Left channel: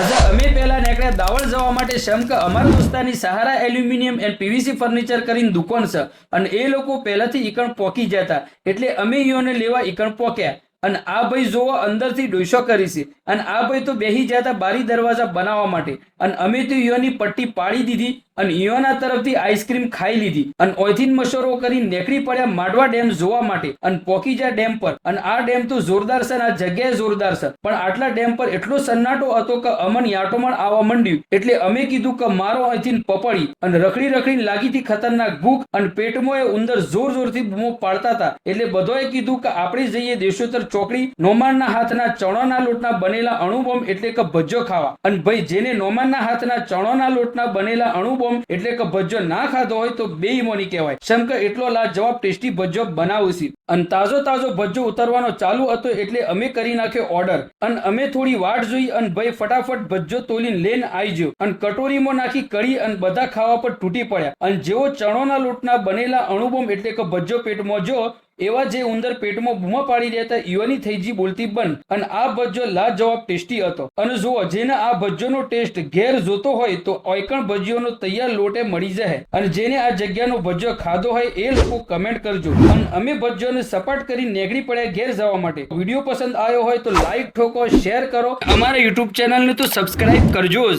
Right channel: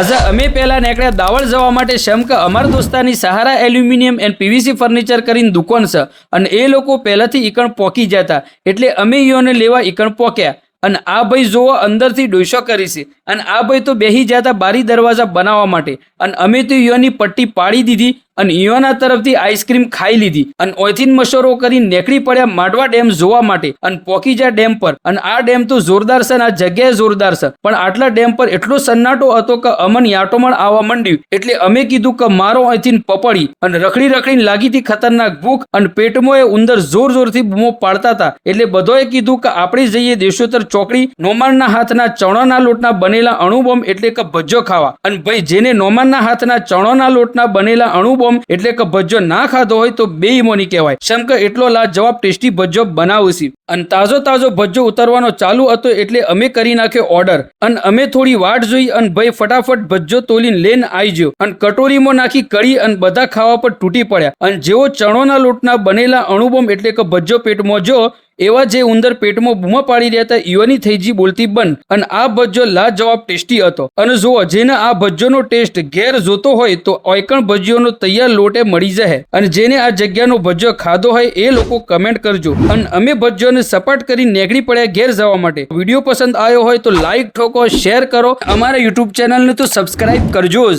આજે અમે પહેલા નીકળ્યા દાવળ જવા માટે શેમ કે અમારા દોસ્તારની સહારા એલ્યુમિનિયમ એન્ડ પીવીસી ફર્નિચર કરીને દુકાન છે અને એ લોકો પહેલાથી ઈકણ પોકી જતા એટલે અમે ઈયોને લેવા ઈકણ પોક્યા અને આ ભાઈ જોવો અંદરથી ડોસો કરી છે અને આ ભાઈ તો બેહી જતા બારી દરવાજા બનાવવા માટે અને અમે તો ઈયોની પટ્ટી પાડી દીધી અને ઈયોના તરફથી આઈસ્ક્રીમ ખાઈ લીધી અને ઓયથી મશોરો કરી નીકળી પડ્યા માંડવા ડેમ જોવા માટે અને પોકીજા ડેમ પર અને આ ડેમ તો જોરદાર છે અને આ જગ્યાએ જોરદાર છે પણ આટલા ડેમ પર એટલો સન્નાટો હતો કે અમન યાટોમણ આવવા માંડ્યું એટલે અમે કીધું કે મારો અહીંથી પપડી અને રખડીને લાગી હતી ખતરનાક ભૂખ અને પેટમાં એ ઉંદર જોરથી બૂમો પાડતા હતા એટલે બધોએ કીધું કે આપણે જઈએ દેશોત્તર ચોકડી નોમાનના હાથના ચણાના લોટના બનેલા અણુબોમ્બ એટલે કે ભજ્જો ખાવા અને ભાઈ જેને નોમાનના હાથના ચણાના લોટના બનેલા અણુબોમ્બ એટલે કે ભજ્જો ના ખાધો હોય તો બે ઈમોની કહેવાય શેમ કે એટલો લાજવાબ ટેસ્ટી ભજ્જો બનાવું છે અને તાજો ભજ્જો ઉતરવાનો ચાલુ હતો એટલે અમે કરી નાખ્યો ઓર્ડર અને અમે થોડી વાટ જોઈ અને ભાઈ ફટાફટ ભજ્જો તોલીને લઈને આવી ગયો અને કટોરીમાં નાખી કળી અને બધા ખાવા પર તૂટી પડ્યા અને જેવો ચણોના લોટના બનેલા અણુબોમ્બ એટલે કે ભજ્જો પેટમાં જો એવા જે ઉંદર પેટમાં બૂમા પાડી રહ્યા હતા ઈવાની થઈ જી બોલતી બંધ અને આ ભજ્જો લાજવાબ ટેસ્ટી હતો અને જુઓ જેને આ ભજ્જોનો ટેસ્ટ ઘેર જોતો હોય તો ઓયકણ ભજ્યોનો તૈયાર લોટે મળી જાય અને જેને આ જગ્યાનો ભજ્જો ખાધો હોય એ લોકો કમેન્ટ કરજો અને અમે ભજ્જોને સપાટ કરી નીકળી પડ્યા ઘેર જવા માટે વિડીયો પસંદ આવ્યો હોય તો લાઈક ઠોકો શેર કરો અમારા યુટ્યુબ ચેનલને તો સબસ્ક્રાઇબ કરજો જ।